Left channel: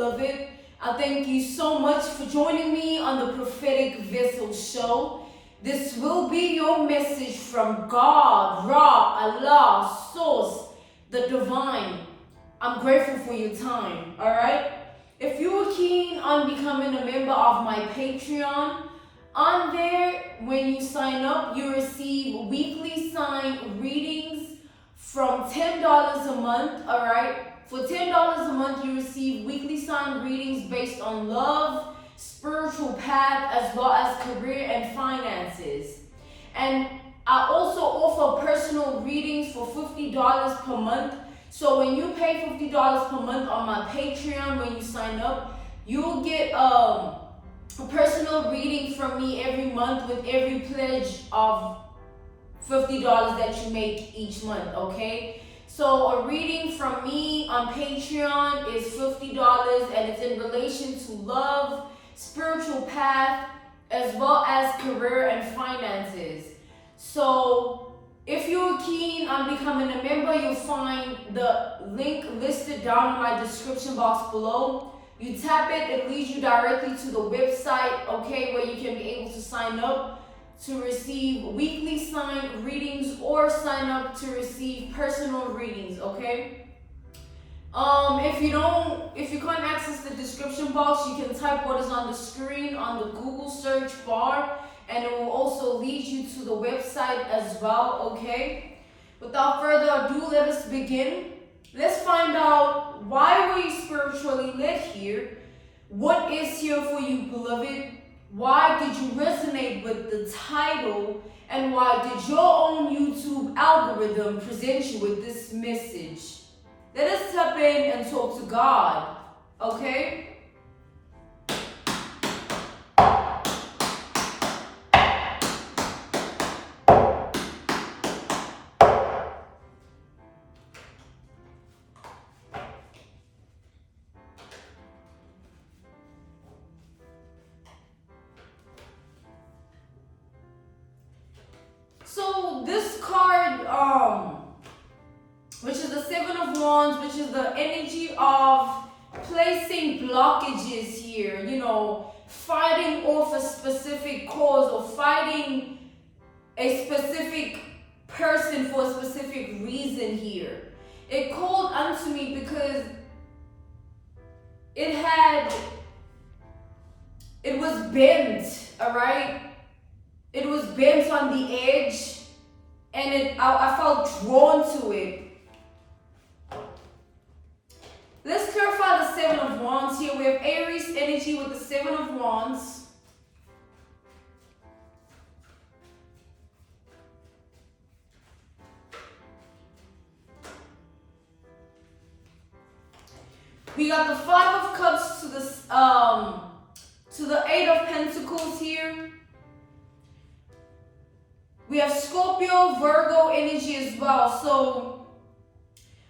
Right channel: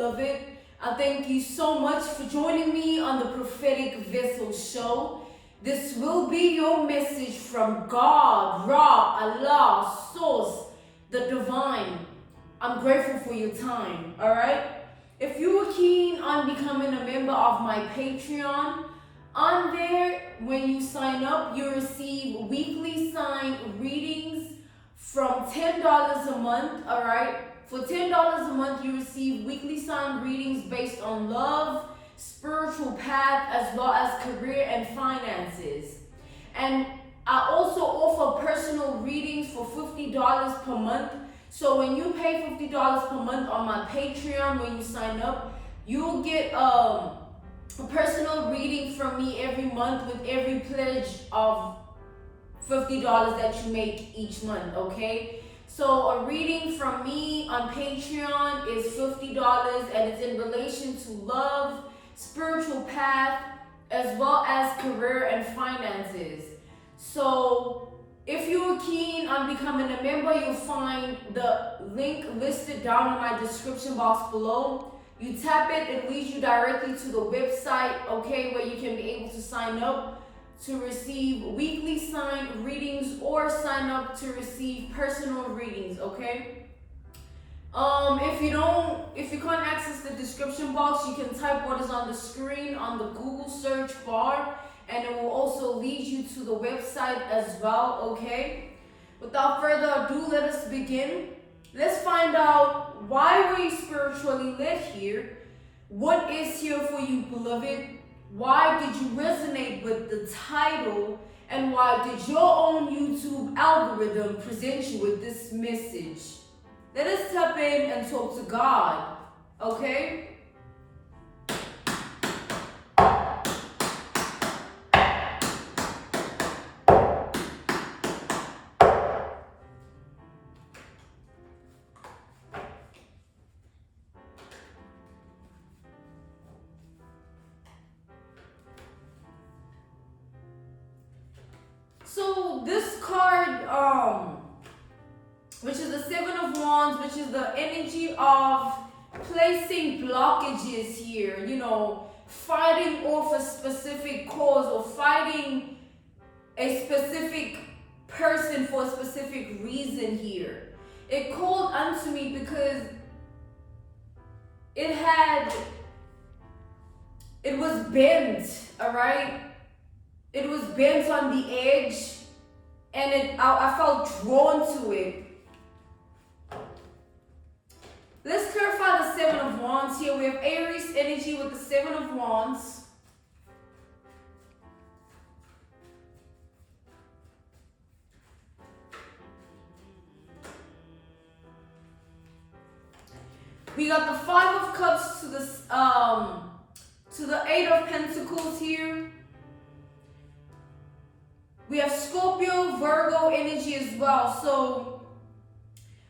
beloved. I thank you so much for joining me on the Prophetic Vessel Show. This will be your message from God, Ra, Allah, Source, the Divine. I'm grateful for your time, all right? If you are keen on becoming a member of my Patreon, on there, when you sign up, you receive weekly sign readings from $10 a month, all right? For $10 a month, you receive weekly sign readings based on love, spiritual path, as well as career and finances. And I also offer personal readings for $50 per month. So when you pay $50 per month on my Patreon, when you sign up, you'll get a personal reading from me every month with every pledge of $50 that you make each month, okay? So a reading from me on Patreon is $50, and it's in relation to love, spiritual path, as well as career and finances. So if you're keen on becoming a member, you'll find the link listed down in my description box below. You tap it, it leads you directly to the website, okay, where you can be able to sign up to receive weekly sign readings or sign up to receive personal readings, okay? If you can't access the description box, you can type what is on the screen on the Google search bar, and it will also lead you to the website as well, okay? Without further ado, let us begin. Let's find out, why were you spiritually led here? What is here for you, beloved? Why did you resonate with the title? And why did your own YouTube algorithm present you with this message? Let us tap in and talk to God, okay? So this card, which is the Seven of Wands, which is the energy of placing blockages here, you know, fighting off a specific cause or fighting a specific person for a specific reason here. It called unto me because it was bent, all right? It was bent on the edge, and I felt drawn to it. Let's clarify the Seven of Wands here. We have Aries energy with the Seven of Wands. We got the Five of Cups to the Eight of Pentacles here. We have Scorpio, Virgo energy as well. So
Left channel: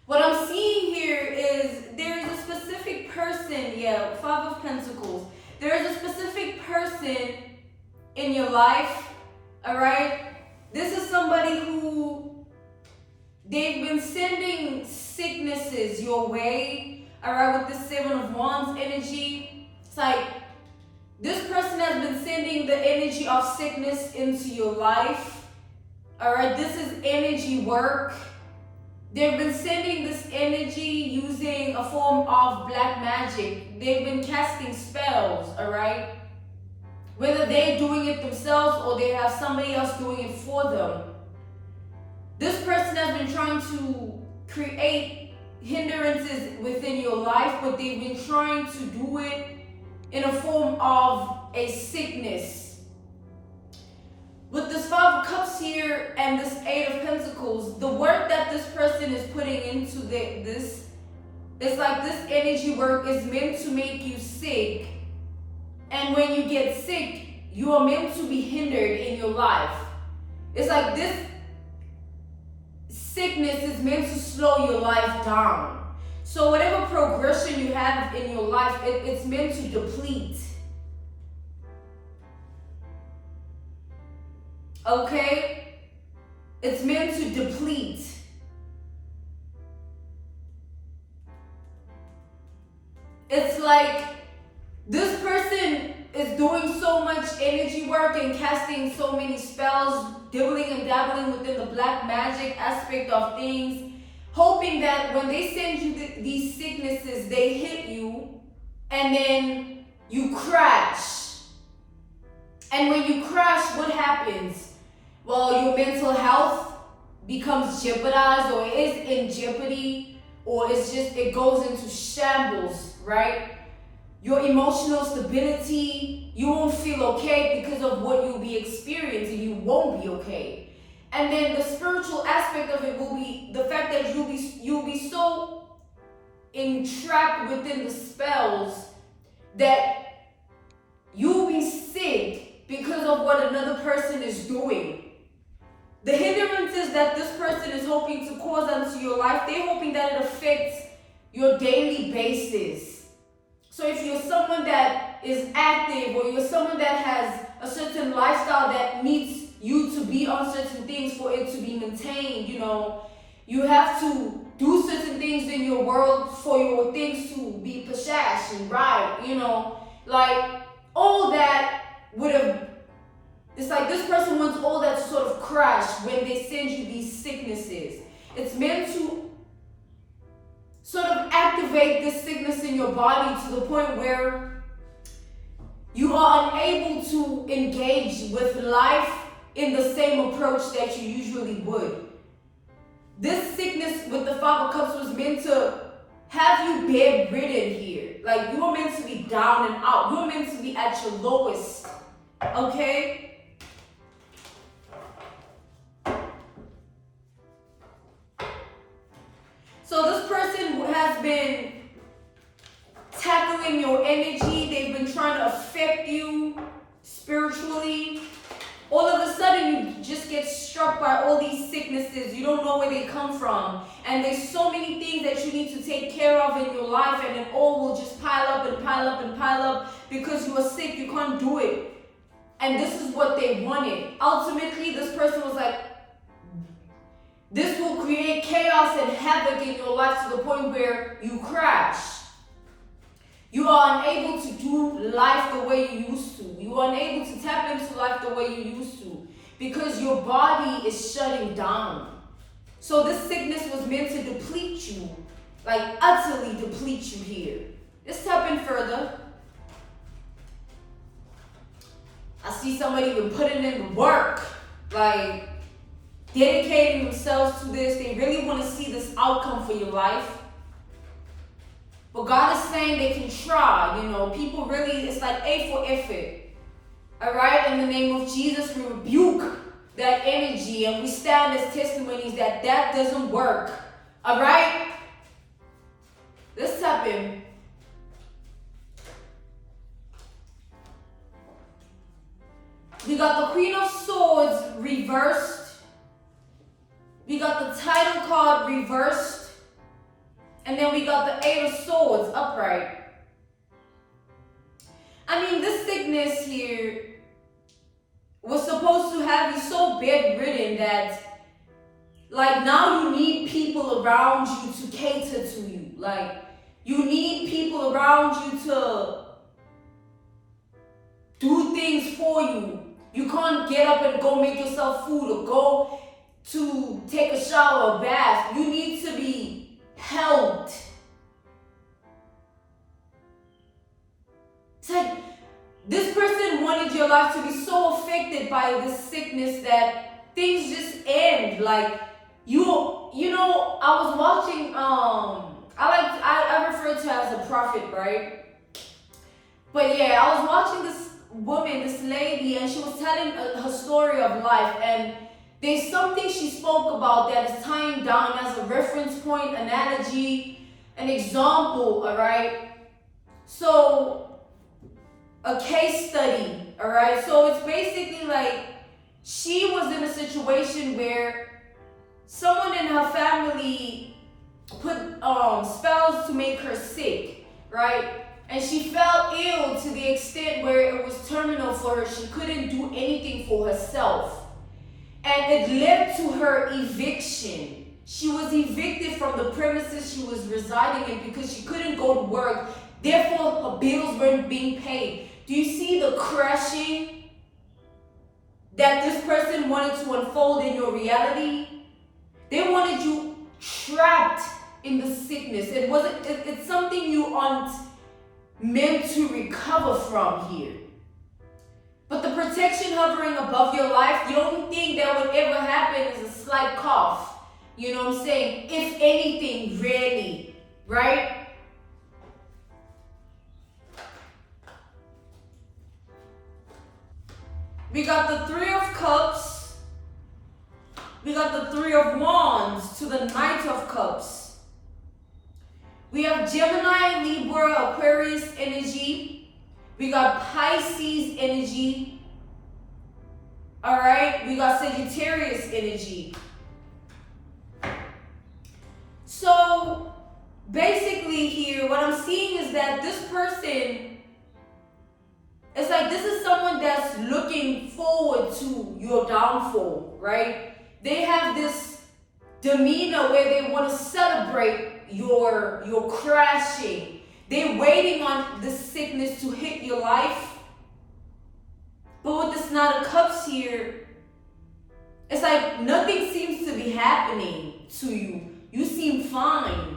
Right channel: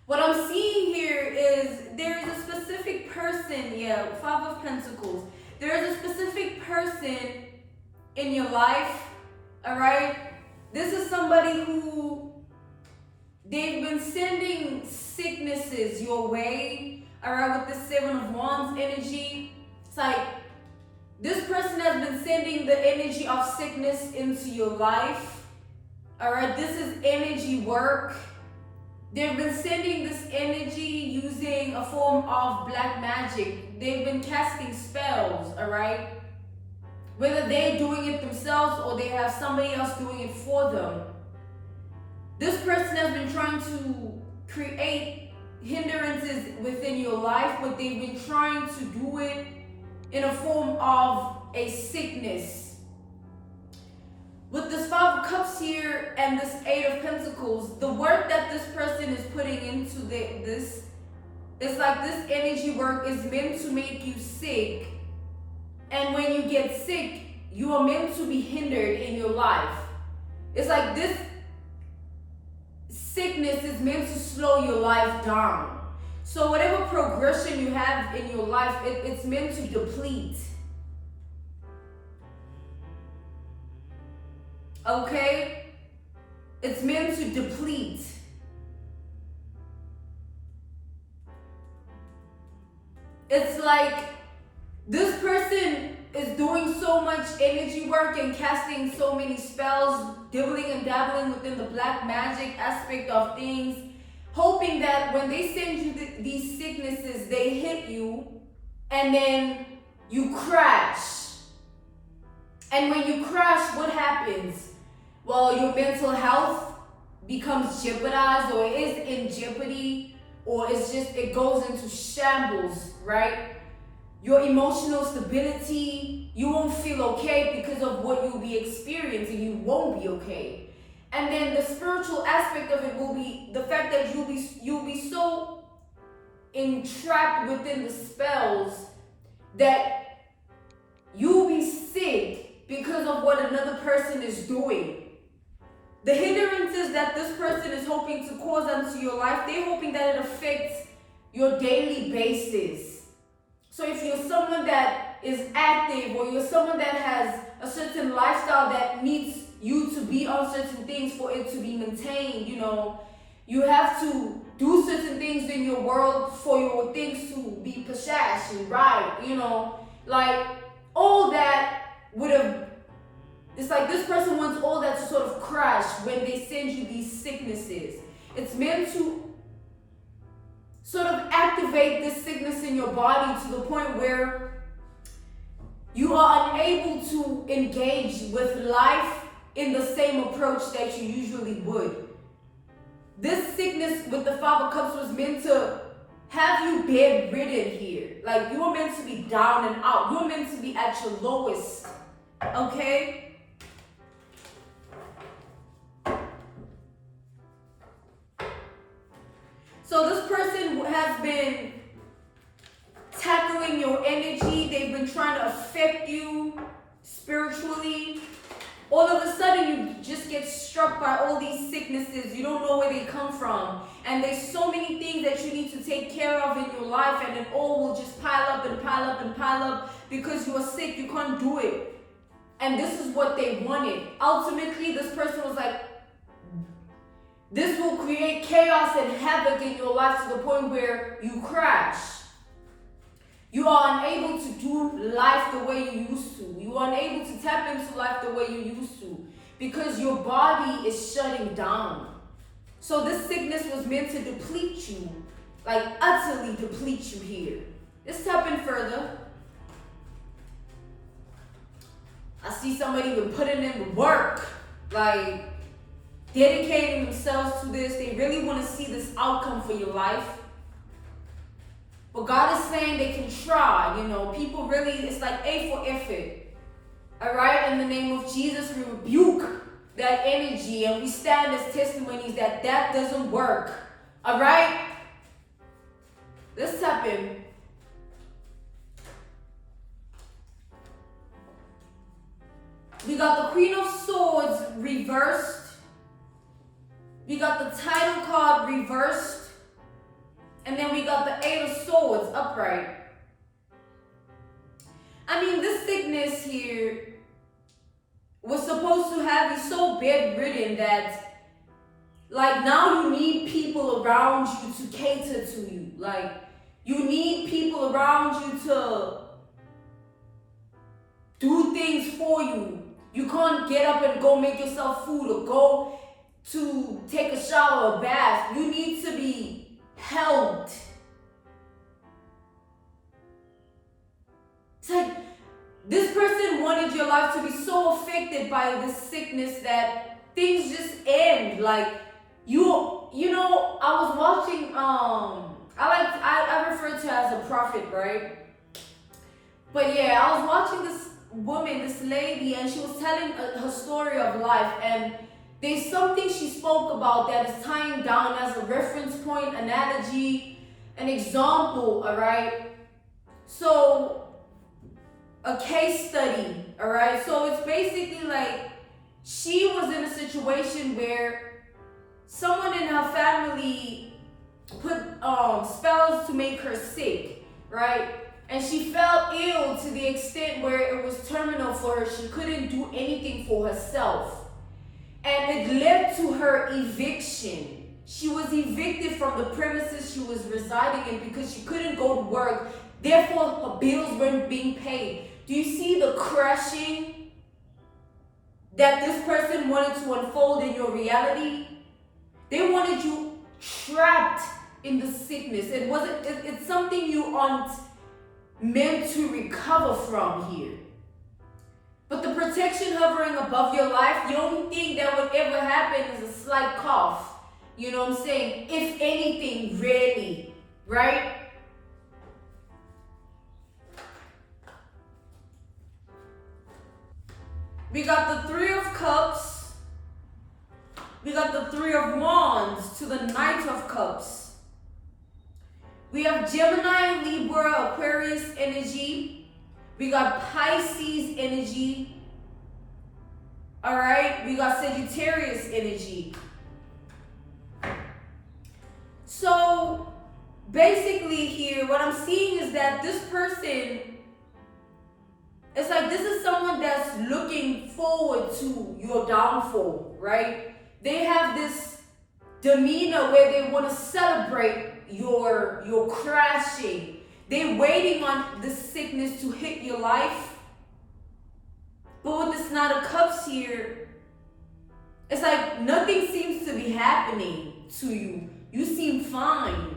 what I'm seeing here is there is a specific person, Five of Pentacles. There is a specific person in your life, all right? This is somebody who, they've been sending sicknesses your way, all right, with the Seven of Wands energy. It's like this person has been sending the energy of sickness into your life. All right, this is energy work. They've been sending this energy using a form of black magic. They've been casting spells, all right? Whether they're doing it themselves or they have somebody else doing it for them. This person has been trying to create hindrances within your life, but they've been trying to do it in a form of a sickness. With this Five of Cups here and this Eight of Pentacles, the work that this person is putting into this, it's like this energy work is meant to make you sick. And when you get sick, you are meant to be hindered in your life. It's like this sickness is meant to slow your life down. So whatever progression you have in your life, it's meant to deplete. Okay? It's meant to deplete. it's like this person is doing so much energy work and casting so many spells, dibbling and dabbling within the black magic aspect of things, hoping that when they send you these sicknesses, they hit you and then you crash. And when you crash, what happens? Well, your mental health becomes jeopardized, or it is in jeopardy, or it goes into shambles, right? Your emotional stability, you won't feel okay because of what you'll be experiencing. You won't be okay. And then the spiritual aspect of it will be the fact that you'll be so entrapped within the spells that you'll be sick because of what another person is doing. The hindrances that this person is hoping to cause onto your life, they're hoping that it affects your daily basis. So if you're someone that is active, or you're someone that has a certain lifestyle that needs you to be on certain things for it to be maintained, you have to do certain things in your world for your things to be pashash and right, like all that would have, it's like this person wants all that to sort of crash when they send you these sicknesses. It's meant to sort of activate this sickness in your body to the point where you are unable to engage with life in the same approach that you usually would. This sickness with the Five of Cups was meant to have you bedridden here. Like, you're meant to be down and out. You're meant to be at your lowest. Okay? So this person has been tackling your energy. They've been trying to affect you spiritually. All of a sudden, you just get struck by all these sicknesses. You don't know where they come from. And there's so many things that you need to take care of in your life, and it all will just pile up and pile up and pile up because you are sick. You can't do it. And this is what they wanted. Ultimately, this person was like, this will create chaos and havoc in your life to the point where you crash. You are unable to do life the way you used to. You are unable to tap into life the way you used to because your body is shutting down. So this sickness was meant to deplete you, like utterly deplete you here. Let's tap in further. I see somebody been putting in the work, like dedicating themselves to this. They really want to see this outcome for your life. But God is saying they can try, People really, it's like A for effort. All right? In the name of Jesus, we rebuke that energy and we stand as testimonies that doesn't work. All right? Let's tap in. We got the Queen of Swords reversed. We got the title card reversed. And then we got the Eight of Swords upright. I mean, this sickness here was supposed to have you so bedridden that, like, now you need people around you to cater to you. Like, you need people around you to do things for you. You can't get up and go make yourself food or go to take a shower or bath. You need to be helped. It's like this person wanted your life to be so affected by this sickness that things just end. Like I was watching I refer to her as a prophet, right? But yeah, I was watching this woman, this lady, and she was telling her story of life, and there's something she spoke about that is tying down as a reference point, analogy, an example, all right? So, a case study, all right? So it's basically like she was in a situation where someone in her family put spells to make her sick, right? And she fell ill to the extent where it was terminal for her. She couldn't do anything for herself. And it led to her eviction. She was evicted from the premises she was residing in because she couldn't go to work Therefore, her bills weren't being paid. Do you see the crushing that this person wanted to unfold in your reality? They wanted you trapped in the sickness. It's something you aren't meant to recover from here. But the protection hovering above your life, the only thing that would ever happen is a slight cough. You know what I'm saying? If anything, rarely, right? We got the Three of Cups. We got the Three of Wands to the Knight of Cups. We have Gemini, Libra, Aquarius energy. We got Pisces energy. All right, we got Sagittarius energy. So basically here, what I'm seeing is that this person, it's like this is someone that's looking forward to your downfall, right? They have this demeanor where they want to celebrate your crashing. They're waiting on the sickness to hit your life. But with this Knight of Cups here, it's like nothing seems to be happening to you. You seem fine.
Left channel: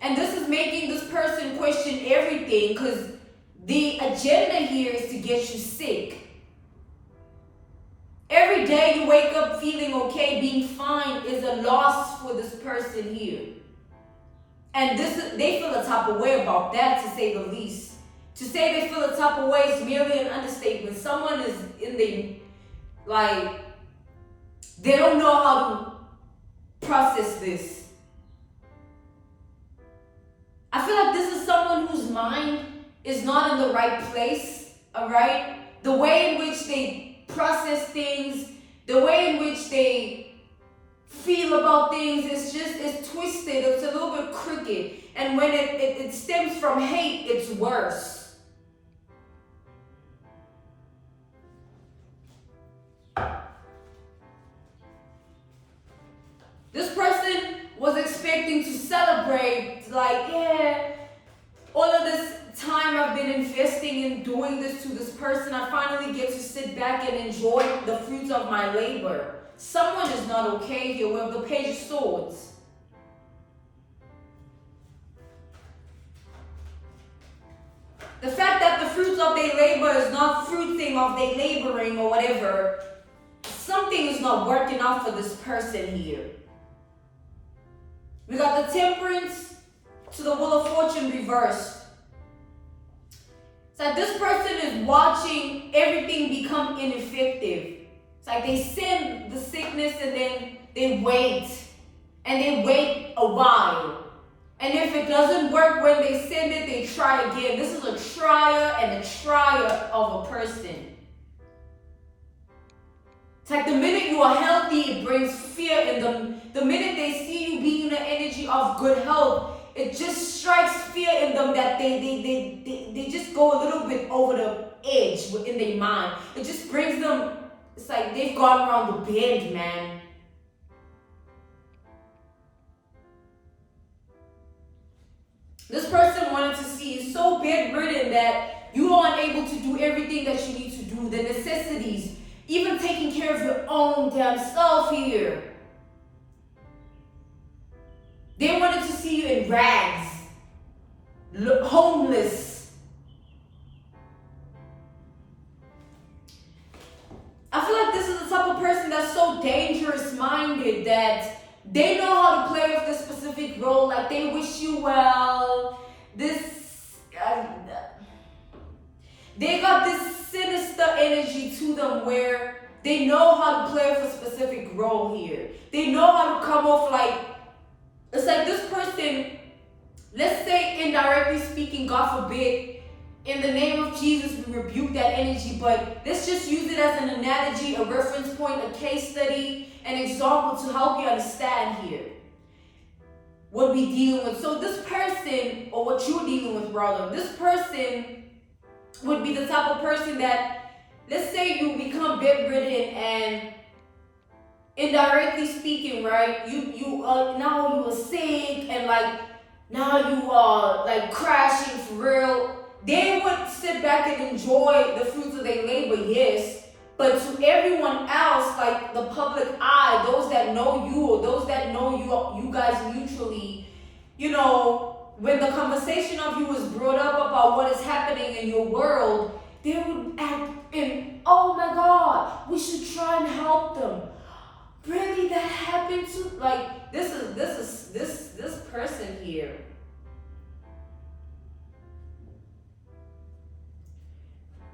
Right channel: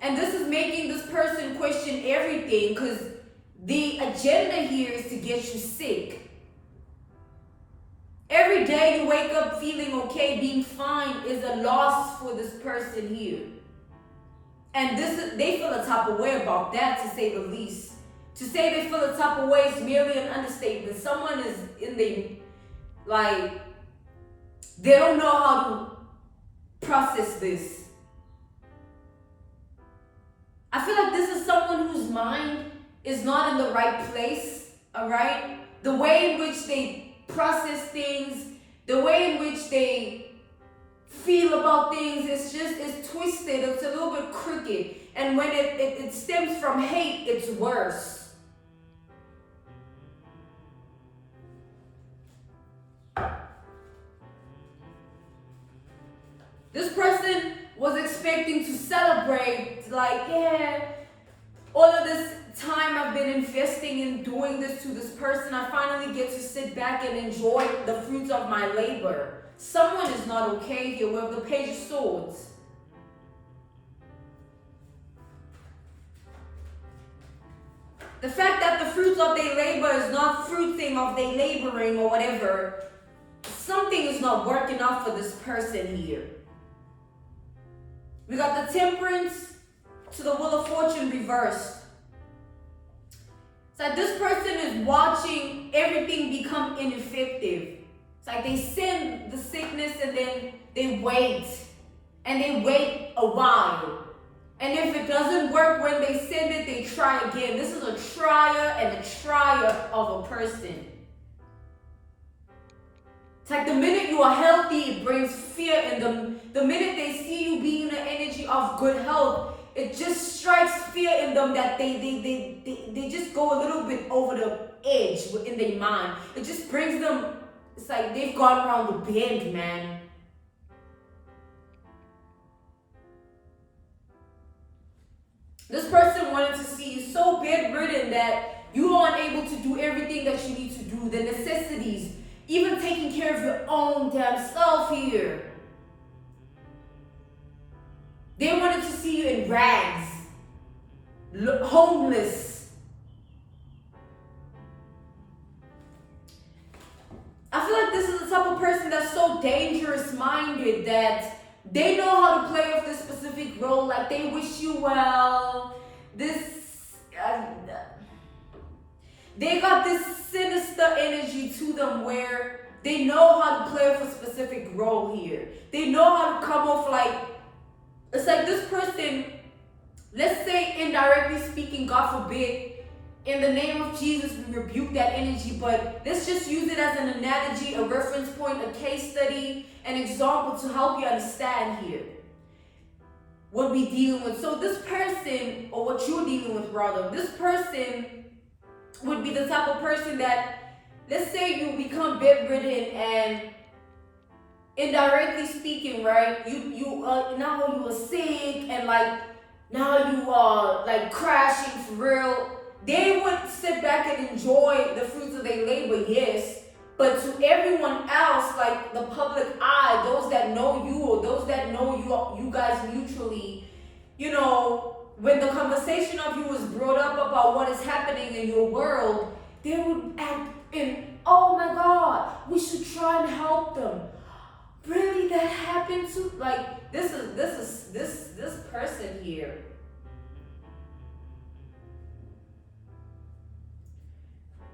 And this is making this person question everything, because the agenda here is to get you sick. Every day you wake up feeling okay, being fine, is a loss for this person here. And they feel a type of way about that, to say the least. To say they feel a type of way is merely an understatement. Someone is in the, like, they don't know how to process this. I feel like this is someone whose mind is not in the right place, all right? The way in which they process things, the way in which they feel about things, it's twisted, it's a little bit crooked. And when it stems from hate, it's worse. This person was expecting to celebrate, like, yeah, all of this time I've been investing in doing this to this person, I finally get to sit back and enjoy the fruits of my labor. Someone is not okay here. We have the Page of Swords. The fact that the fruits of their labor is not fruiting of their laboring or whatever, something is not working out for this person here. We got the Temperance to the Wheel of Fortune reversed. It's like this person is watching everything become ineffective. It's like they send the sickness and then they wait. And they wait a while. And if it doesn't work when they send it, they try again. This is a trier and a trier of a person. It's like the minute you are healthy, it brings fear in them. The minute they see you being in the energy of good health, it just strikes fear in them that they just go a little bit over the edge in their mind. It just brings them, it's like they've gone around the bend, man. This person wanted to see you so bedridden that you are unable to do everything that you need to do, the necessities, even taking care of your own damn self here. They wanted to see you in rags, homeless. I feel like this is the type of person that's so dangerous-minded that they know how to play with this specific role. Like they wish you well. They got this sinister energy to them where they know how to play with a specific role here. They know how to come off like, it's like this person, let's say indirectly speaking, God forbid, in the name of Jesus, we rebuke that energy, but let's just use it as an analogy, a reference point, a case study, an example to help you understand here what we're dealing with. So this person, or what you're dealing with rather, this person would be the type of person that, let's say you become bedridden and indirectly speaking, right, now you are sick and like now you are like crashing for real. They would sit back and enjoy the fruits of their labor, yes. But to everyone else, like the public eye, those that know you or those that know you guys mutually, you know, when the conversation of you is brought up about what is happening in your world, they would act in, oh my God, we should try and help them. Really, that happened to like this person here.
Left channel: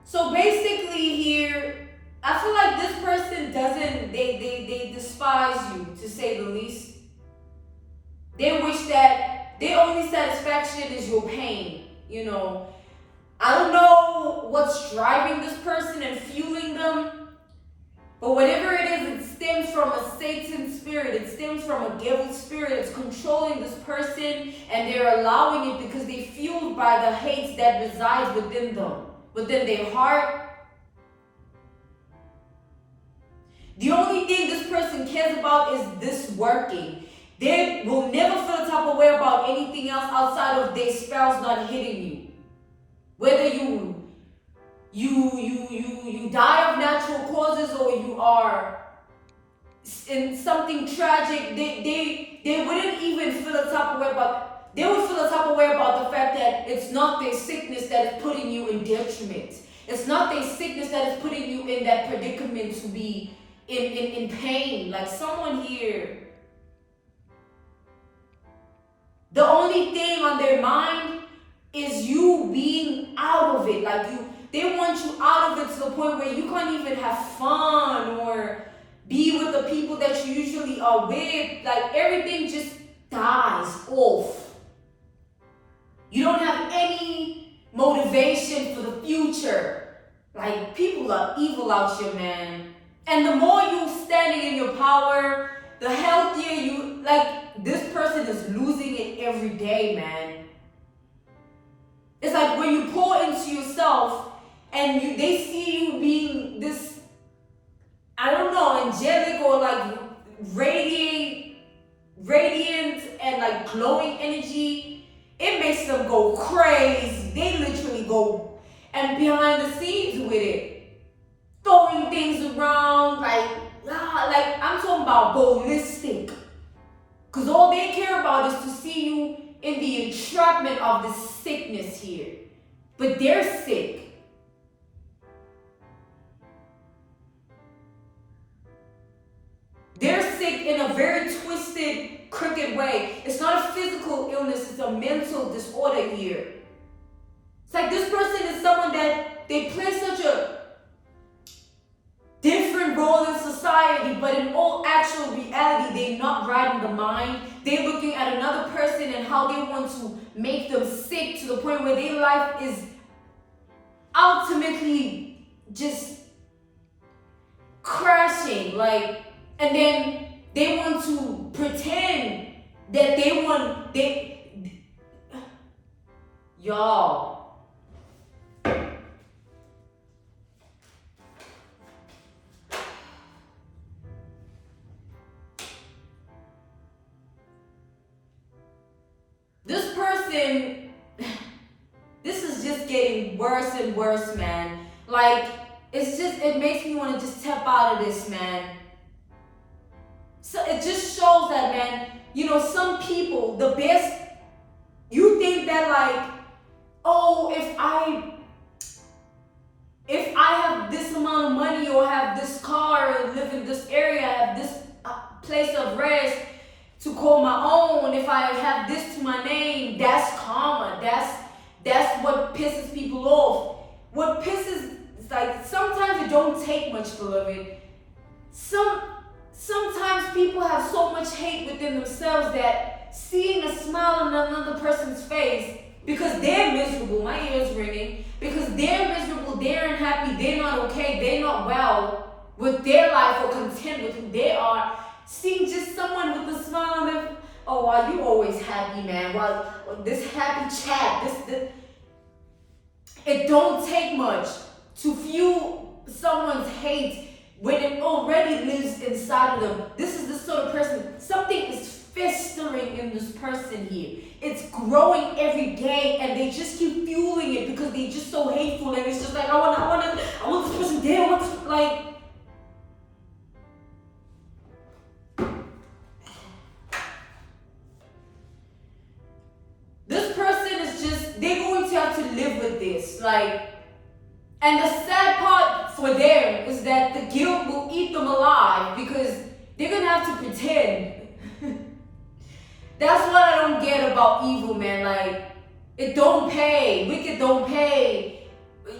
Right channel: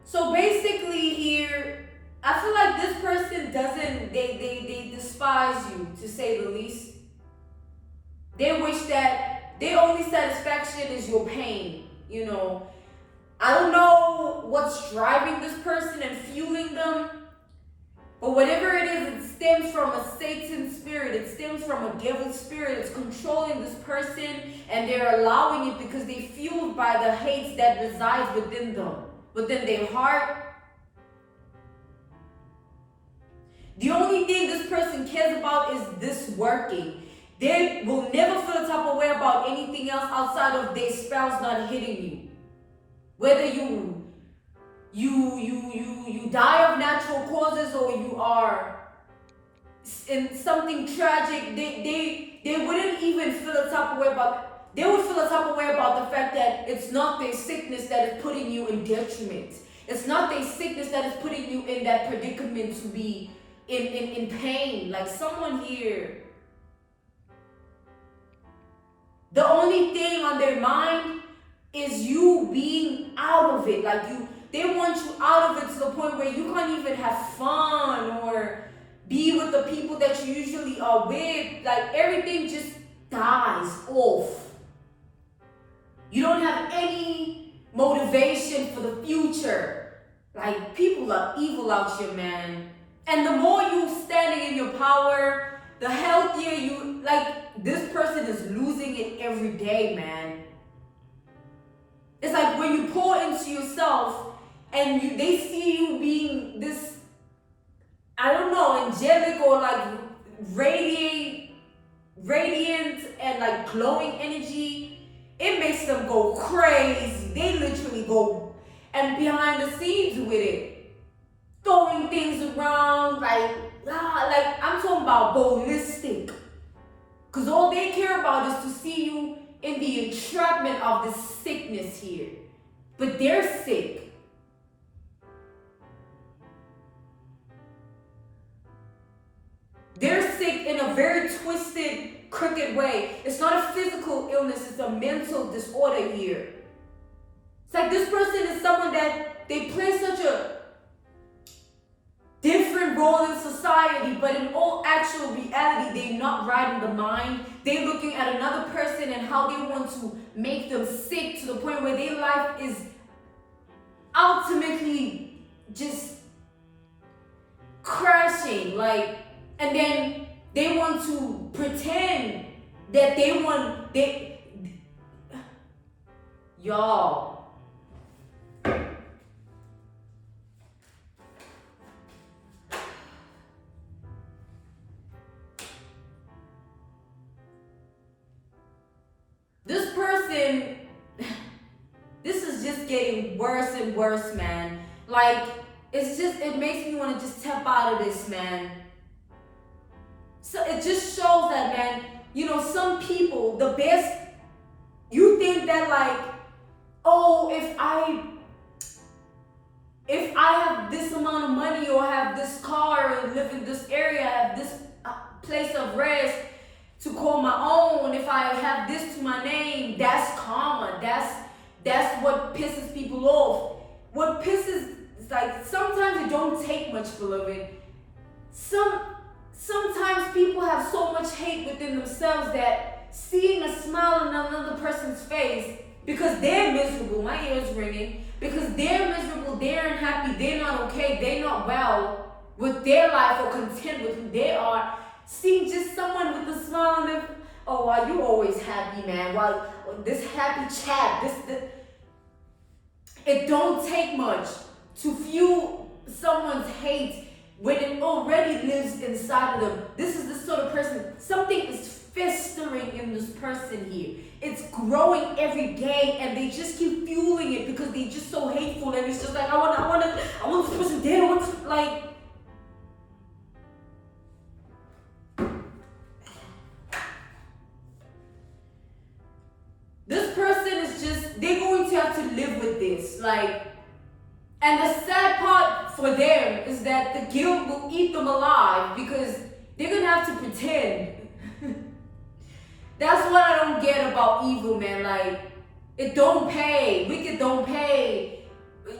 So basically here, I feel like this person doesn't they despise you, to say the least. They wish that their only satisfaction is your pain, you know. I don't know what's driving this person and fueling them, but whatever it is, it stems from a Satan spirit. It stems from a devil spirit. It's controlling this person, and they're allowing it because they're fueled by the hate that resides within them, within their heart. The only thing this person cares about is this working. They will never feel the type of way about anything else outside of their spouse not hitting you. Whether you die of natural causes or you are in something tragic, they wouldn't even feel the type of way about. They would feel the type of way about the fact that it's not their sickness that is putting you in detriment. It's not their sickness that is putting you in that predicament to be in pain. Like someone here, the only thing on their mind is you being out of it. Like they want you out of it to the point where you can't even have fun or be with the people that you usually are with. Like everything just dies off. You don't have any motivation for the future. Like people are evil out here, man. And the more you standing in your power, the healthier you, like this person is losing it every day, man. It's like when you pour into yourself and they see you being this, I don't know, angelic or like radiant and like glowing energy, it makes them go crazy. They literally go and behind the scenes with it, throwing things around like I'm talking about ballistic. Because all they care about is to see you in the entrapment of this sickness here. But they're sick. They're sick in a very twisted, crooked way. It's not a physical illness, it's a mental disorder here. It's like this person is someone that they play such a different role in society, but in all actual reality, they're not right in the mind. They're looking at another person and how they want to make them sick to the point where their life is ultimately just crashing. Like, and then they want to pretend that y'all. This person, this is just getting worse and worse, man. Like, it makes me want to just step out of this, man. So it just shows that, man, you know, some people, the best, you think that like, oh, if I have this amount of money or have this car or live in this area, have this place of rest to call my own, if I have this to my name, that's karma. That's what pisses people off. What pisses, it's like sometimes it don't take much, beloved. Sometimes people have so much hate within themselves that seeing a smile on another person's face because they're miserable, my ear's ringing, because they're miserable, they're unhappy, they're not okay, they're not well with their life or content with who they are. Seeing just someone with a smile on them, oh, wow, you always happy, man. Well, this happy chat, this, it don't take much to fuel someone's hate when it already lives inside of them. This is the sort of person, something is festering in this person here. It's growing every day, and they just keep fueling it because they're just so hateful, and it's just like, I want this person dead. This person is just, they're going to have to live with this. And the sad part for them is that the guilt will eat them alive because they're going to have to pretend. That's what I don't get about evil, man. It don't pay. Wicked don't pay.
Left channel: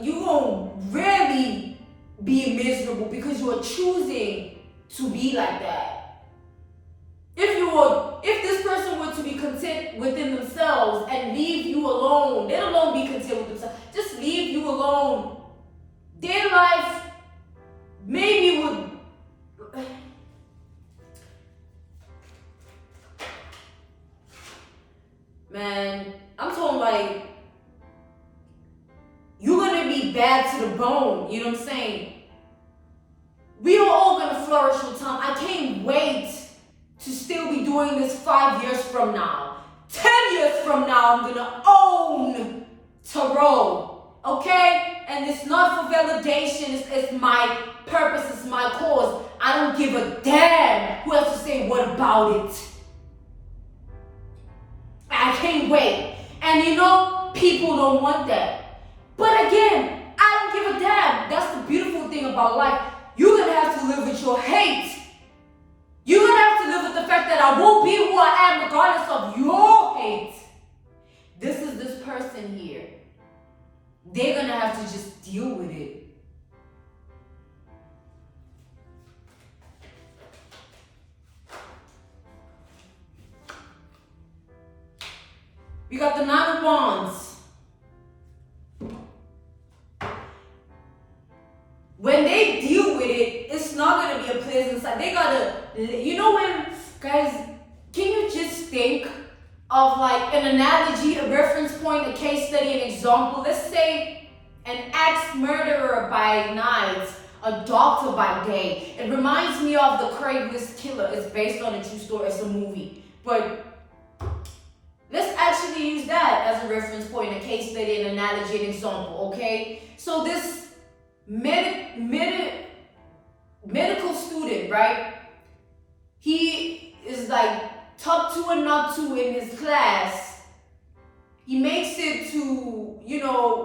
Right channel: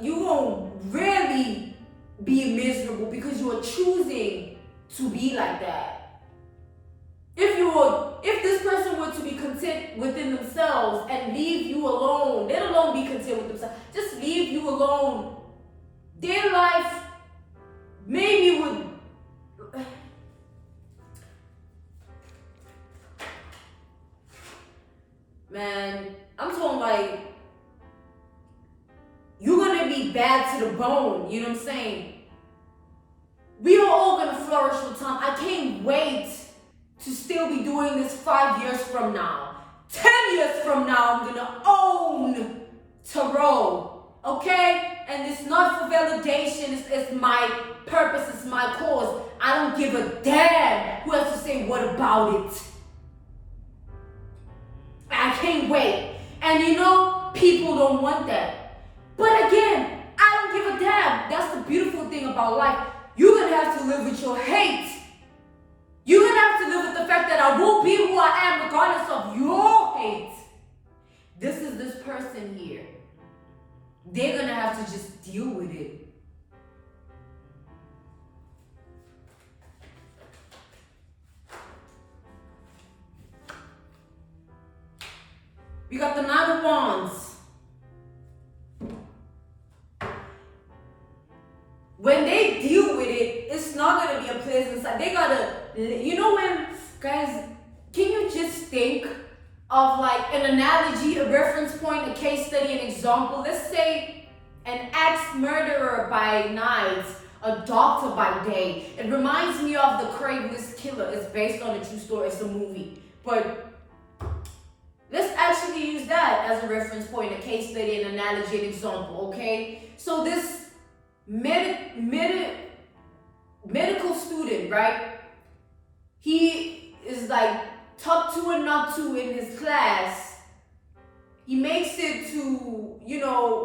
You won't really be miserable because you are choosing to be like that. If this person were to be content within themselves and leave you alone, let alone be content with themselves, just leave you alone, their life maybe would. Man, I'm talking you're gonna be bad to the bone, you know what I'm saying? We are all gonna flourish with time. I can't wait to still be doing this 5 years from now. 10 years from now, I'm gonna own tarot, okay? And it's not for validation, it's my purpose, it's my cause. I don't give a damn who has to say what about it. I can't wait. And people don't want that. But again, I don't give a damn. That's the beautiful thing about life. You're gonna have to live with your hate. You're gonna have to live with the fact that I won't be who I am regardless of your hate. This is this person here. They're gonna have to just deal with it. We got the Nine of Wands. When they deal with it, it's not going to be a pleasant sight. They got to, guys, can you just think of an analogy, a reference point, a case study, an example? Let's say an axe murderer by night, a doctor by day. It reminds me of the Craigslist killer. It's based on a true story. It's a movie. But let's actually use that as a reference point, a case study, an analogy, an example, okay? So this medical student, right? He is top 2 and not 2 in his class. He makes it to,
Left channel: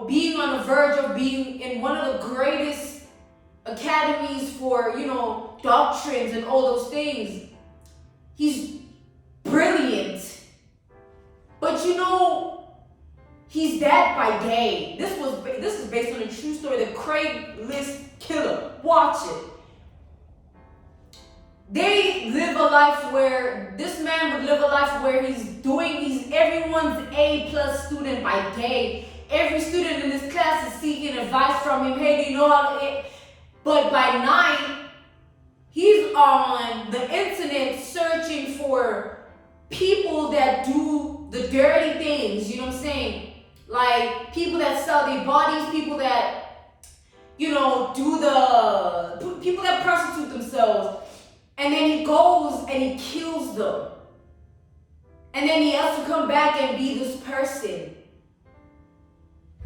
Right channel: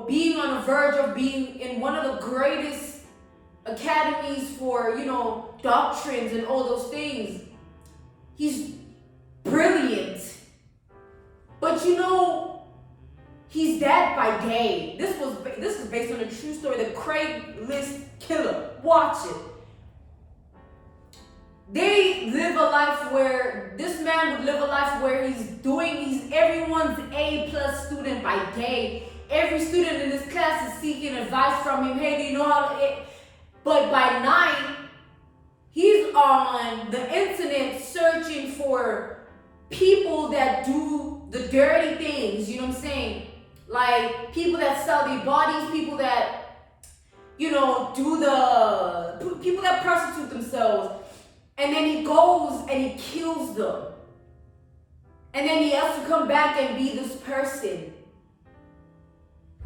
being on the verge of being in one of the greatest academies for, doctrines and all those things. He's brilliant. But he's dead by day. This is based on a true story, the Craigslist killer. Watch it. This man would live a life where he's everyone's A+ student by day. Every student in this class is seeking advice from him. Hey, do you know how to... But by night, he's on the internet searching for people that do the dirty things, you know what I'm saying? People that sell their bodies, people that, people that prostitute themselves. And then he goes and he kills them. And then he has to come back and be this person.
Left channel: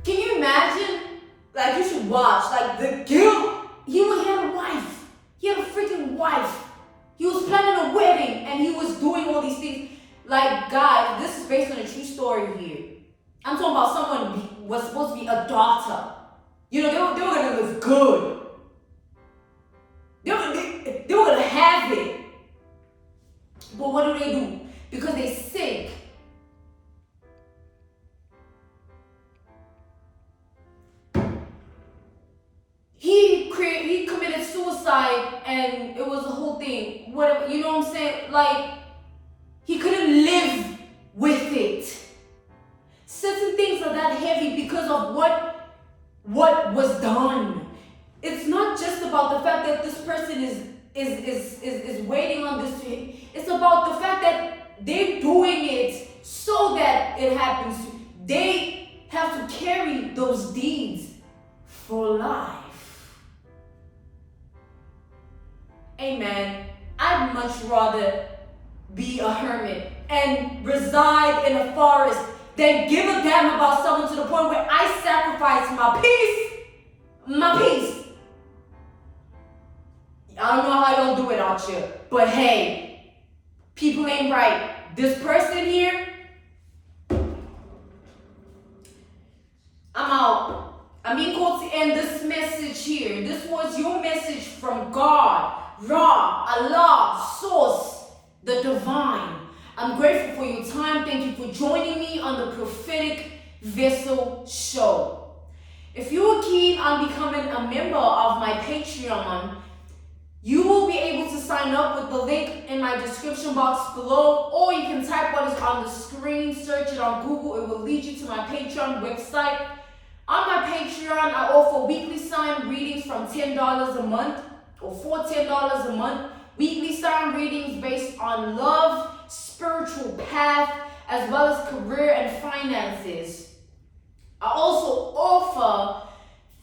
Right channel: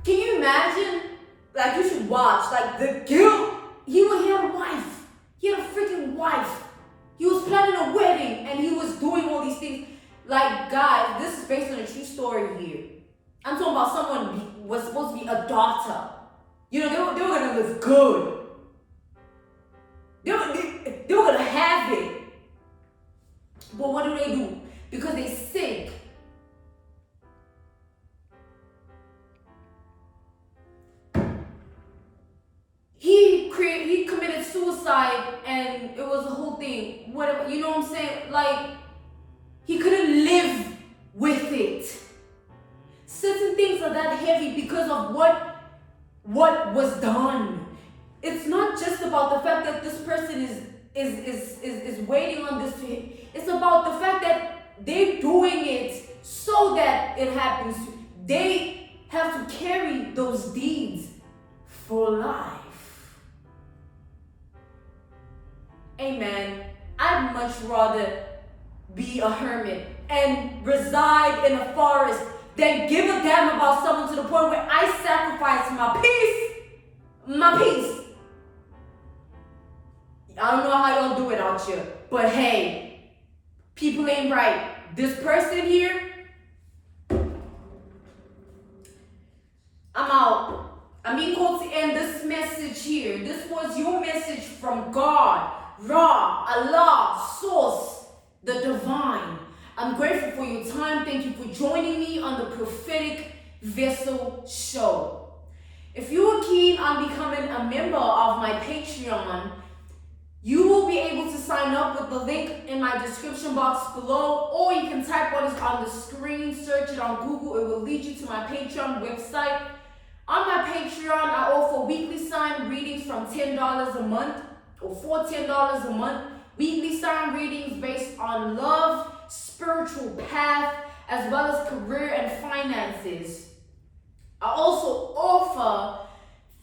Can you imagine? You should watch. The guilt. He had a wife. He had a freaking wife. He was planning a wedding and he was doing all these things. Guys, this is based on a true story here. I'm talking about someone who was supposed to be a daughter. They were going to live good. They were going to have it. But what do? Because they sick. He committed suicide and it was a whole thing. Whatever, you know what I'm saying? He couldn't live with it. Certain things are that heavy because of what was done. It's not just about the fact that this person is waiting on this. It's about the fact that they're doing it so that it happens. They have to carry those deeds for life. Amen. I'd much rather be a hermit and reside in a forest than give a damn about someone to the point where I sacrifice my peace. I don't know how y'all do it out here, but hey, people ain't right. This person here, I'm out. I'm being called to end this message here. This was your message from God, Ra, Allah, Source, the Divine. I'm grateful for your time. Thank you for joining me on the Prophetic Vessel Show. If you are keen on becoming a member of my Patreon, you will be able to sign up with the link in my description box below, or you can type what is on the screen, search it on Google, it will lead you to my Patreon website. On my Patreon, I offer weekly sign readings from $10 a month, or for $10 a month. Weekly sign readings based on love, spiritual path, as well as career and finances. I also offer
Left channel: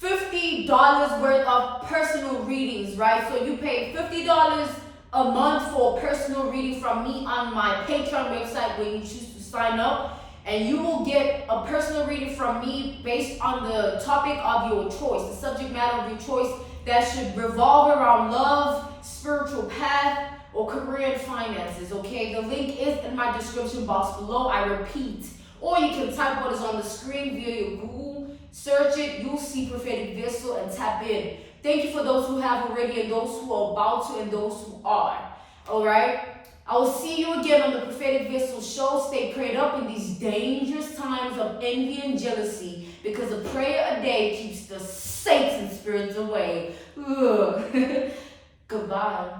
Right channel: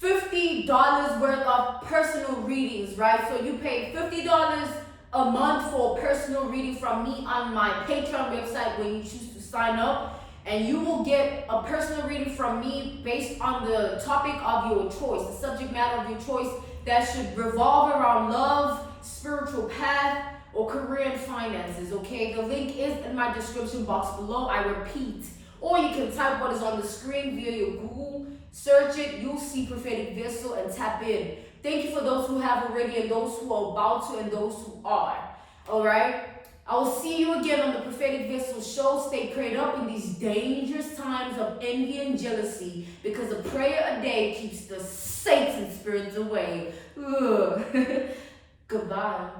$50 worth of personal readings, right? So you pay $50 a month for a personal reading from me on my Patreon website when you choose to sign up. And you will get a personal reading from me based on the topic of your choice, the subject matter of your choice that should revolve around love, spiritual path, or career and finances, okay? The link is in my description box below. I repeat. Or you can type what is on the screen via your Google, search it, you'll see Prophetic Vessel and tap in. Thank you for those who have already and those who are about to and those who are, all right? I will see you again on the Prophetic Vessel Show. Stay prayed up in these dangerous times of envy and jealousy, because a prayer a day keeps the Satan spirits away. Goodbye.